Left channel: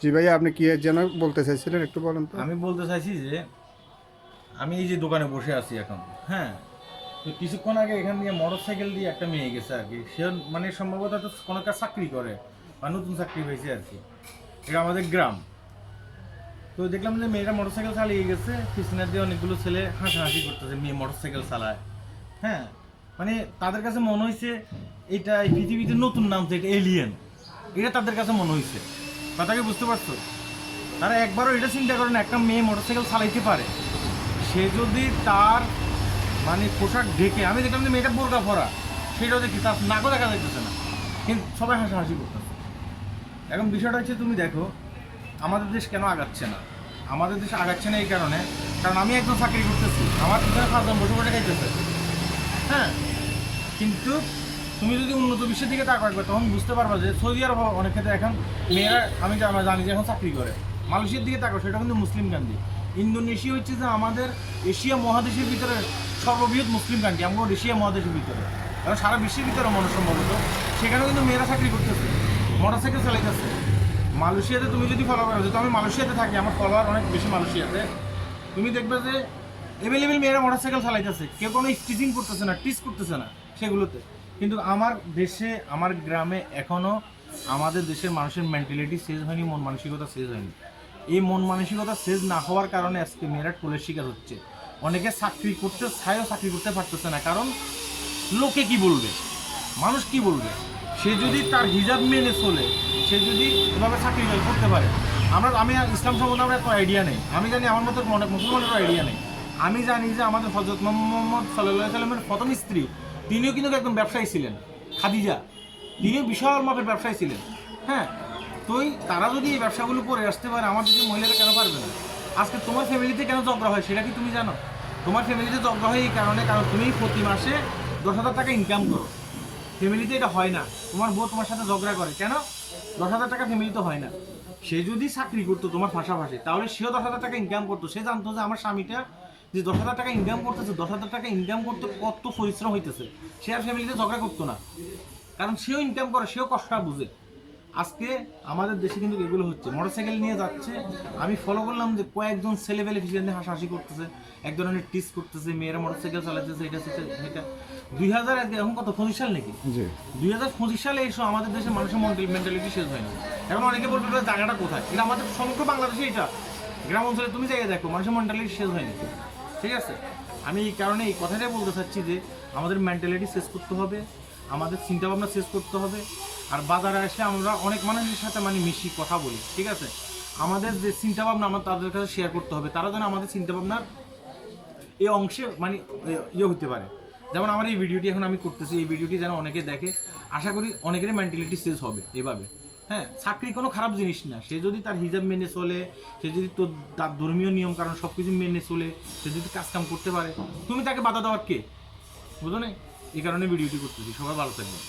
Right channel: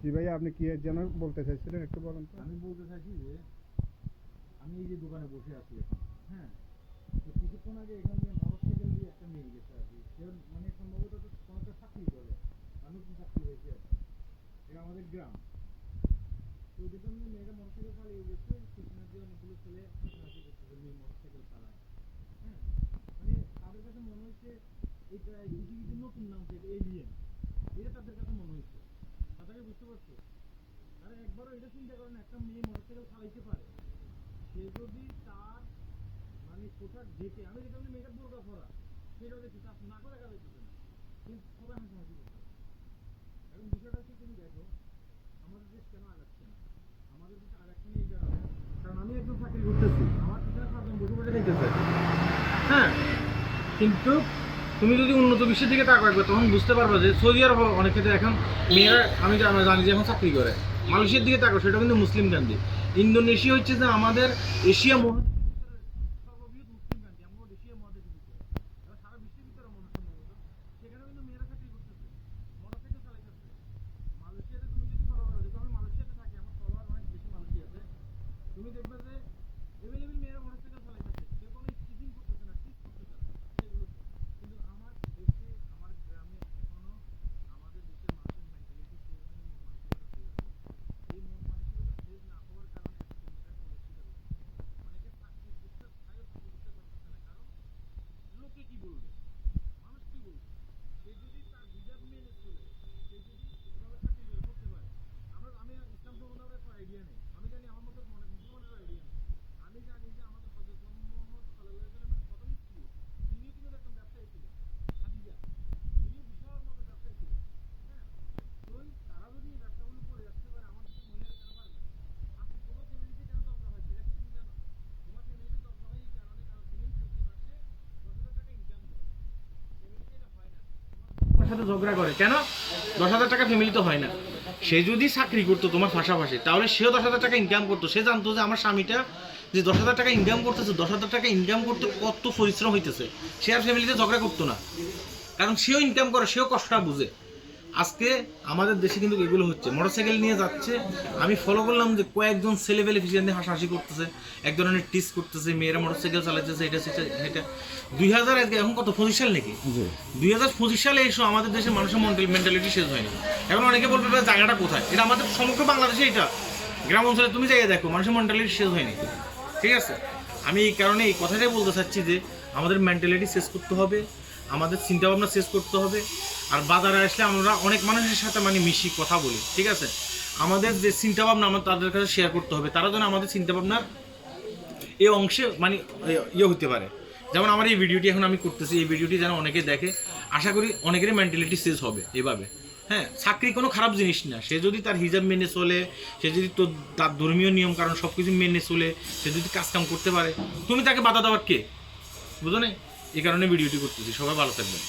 জি ভাইয়া, আপনি কি যেন বলতে চাইছিলেন একটু বলেন তো। আমি বলতে চাইছি যে আমি এই যে দোকানে বসে আছি এখন, হ্যাঁ, তো কিছুক্ষণ আগে এখান দিয়ে মোটর সাইকেল দিয়ে একটা মেয়ে গেছে আর কি। সে মানে সম্ভবত তো কোনো একটা চাকরি করে বা নতুন চাকরি হয়েছে আর কি। এটা আমাদের গ্রাম। তো দেখলাম যে মেয়েটা মোটর সাইকেল চালিয়ে গেছে, পিছনে দিয়ে অনেকগুলো ছেলে হাসাহাসি করতেছে, মেয়ে মোটর সাইকেল চালায়। হ্যাঁ, মানে তাদের কাছে মনে হয়েছে এটা এই পৃথিবীতে নতুন নাম, যে এটা এলিয়েন, এটা তাদের কাছে মনে হয়েছে। কথা কি বুঝতে পারছো? তারা একবারও এটা চিন্তা করে না একটা মেয়ে মোটরসাইকেল চালাইতে পারে। সে যদি তার মানে পোশাক ঢেকে, আমি দেখলাম যে মেয়েটা বোরকা পরা, সেটাও দেখি তার নাকও দেখা যাইতেছে না, কিন্তু সবাই হাসাহাসি করতেছে। এখন বিষয়টা হচ্ছে, তুমি দেখো আমাদের দেশ কেন আগাচ্ছে না। আমাদের দেশ আগাচ্ছে না এই কারণে, কারণ আমি একজন চাকরি করতেছি, আমার পিছনে 5 জন বসে বসে খাইতেছে। হ্যাঁ, কিন্তু তুমি যদি উন্নত বিশ্বের দিকে তাকাও একবার, তখন বুঝতে পারবা যে সৌদি আরব অনেক ক্ষেত্রে এখন মেয়েরা, আমি জানি যে এখন চাকরি করে। মালয়েশিয়ার দিকে তাকাও, সেটা কিন্তু মুসলিম কান্ট্রি। ইন্দোনেশিয়া হচ্ছে যে আমাদের এশিয়া মহাদেশের ভিতরে সর্ববৃহৎ মুসলিম কান্ট্রি, আমরা এশিয়া মহাদেশের ভিতরে, কারণ সারা বিশ্বের ভিতরে মনে সম্ভবত সেখানেও কিন্তু মেয়েরা চাকরি করতেছে, মোটর সাইকেল চালাইতেছে। মালয়েশিয়াতে তুমি যদি ফলো করো, যেহেতু আমি মালয়েশিয়াতে থাকি, আমার ফলোয়ার অনেক বেশি মালয়েশিয়াতে, তুমি দেখবে যে এভেলেবেল মেয়েরা মোটর সাইকেল চালাইতেছে, কেউ কোনো স্টিচিং করতেছে না, টিচ করতেছে না সেগুলোতে। কিন্তু আমার দেশে, আমার গ্রামে এখনও আমাদের দেশের মানুষের মেন্টালিটি চেঞ্জ হয়নি, মন মানসিকতা চেঞ্জ হয়নি। এই মন মানসিকতা চেঞ্জ না হওয়ার কারণে আজকে মেয়েরা টোলের শিকার হচ্ছে। অনেকে চাকরি করতে চায়ও, চাকরি করতে পারতেছে না, কারণ লোকে কি বলবে, মানুষ কি বলবে। সে যদি তার হিজাব মেনে চলে, সে যদি এভাবে চাকরি করতে পারে। আমি ইসলাম সম্বন্ধে আমার এত আইডিয়া নেই, আমি জানি আমার মতো অনেক মুসলমানেরও আইডিয়া নেই। আমি জানি যে আমাদের হযরত মুহাম্মদ সাল্লাল্লাহু আলাইহি সাল্লামের প্রথম স্ত্রী, তিনিও কিন্তু একজন ব্যবসায়ী ছিলেন, খাদিজা, তিনিও বিশাল মাপের ব্যবসায়ী ছিলেন। হ্যাঁ, তো তারা যদি এই ব্যবসাগুলো করে আসতে পারে, আমার দেশের মহিলারা কেন পারবে না? আজকে তোমার ফ্যামিলিতে কেন ঝগড়া হয় সেটা কি তুমি জানো? তোমার ফ্যামিলিতে ঝগড়া হয় এই কারণে, কারণ তুমি প্রতি মাসে 10,000 টাকা ইনকাম করো। ফ্যামিলিতে এটা হয় না, তোমার বউ তোমার সাথে ঝগড়া করে কেন? 10,000 টাকা ফ্যামিলিতে হয় না। সে যদি চাকরি করতো তোমার পাশাপাশি, তাহলে সেও 10,000 টাকা ইনকাম করতো। সে জানতো যে আমার স্বামীটা যে 10,000 টাকা ইনকাম করতেছে, 10,000 টাকা ইনকাম করতে কত পরিশ্রম হইতেছে, সে আর ফ্যামিলিতে ঝগড়া করতো না, কারণ সেও ইনকাম করে, সেও কষ্টটা বুঝে। আজকে আমাদের দেশে কিন্তু এগুলো হচ্ছে, মোটরসাইকেল নিয়ে যাচ্ছে। আমি ফলো করলাম যে কয়েকজন ছেলেবেলে পিছনে দিয়ে হাসাহাসি করতেছে, এক ধরনের টিস করতেছে, মেয়েরা মোটরসাইকেল চালাইতেছে, এটা সেটা এটা। 2000 এখন কত 25 সাল নাকি? 2025 সালে এসো আমাদের দেশের মানুষের মেন্টালিটি শেষ হয়নি। এখন অনেকে বলবে জায়গাটা কোথায়, এটা আমাদের সমগ্র বাংলাদেশে, এটা গ্রাম অঞ্চলে তুমি জায়গায় দেখো, মানুষের মেন্টালিটি শেষ হয়নি। ঠিক আছে, আমি এই কারণে এই কথাটাই বলতে চাচ্ছি যে আমাদের মেন্টালিটি শেষ করতে হবে, আমাদের চিন্তাভাবনা শেষ করতে হবে। আর বাজারে আসলে আমরা অনেক মানুষের সাথে মানে মিশি, কথা বলি, ঠিক আছে, আমাদের যে চিন্তাভাবনা আমরা তাদের কাছে শেয়ার করতে হবে, তারা যেন আমাদের চিন্তাভাবনার এই অংশে মানে ইয়ে হতে পারে। যেমন আমার এই ভিডিওটি এখন আমি করতেছি, এই ভিডিওটি যেন অনেকে দেখে, আশা করি অনেকেরই মেন্টালিটি চেঞ্জ হবে এভাবে। হ্যাঁ, চাকরি কোনো খারাপ জিনিস না, সে যদি তার হিজাব মেনে চলে, সে যদি তার ধর্মীয় নিয়ম কারণ সব কিছু মেনে চলে, সে যদি কাজকাম করতে পারে, তুমি তাকে বাধা দেওয়ার কে? বুঝো না? এই কারণে ভিডিওটি করতেছি। সবাই ভালো থাকবেন।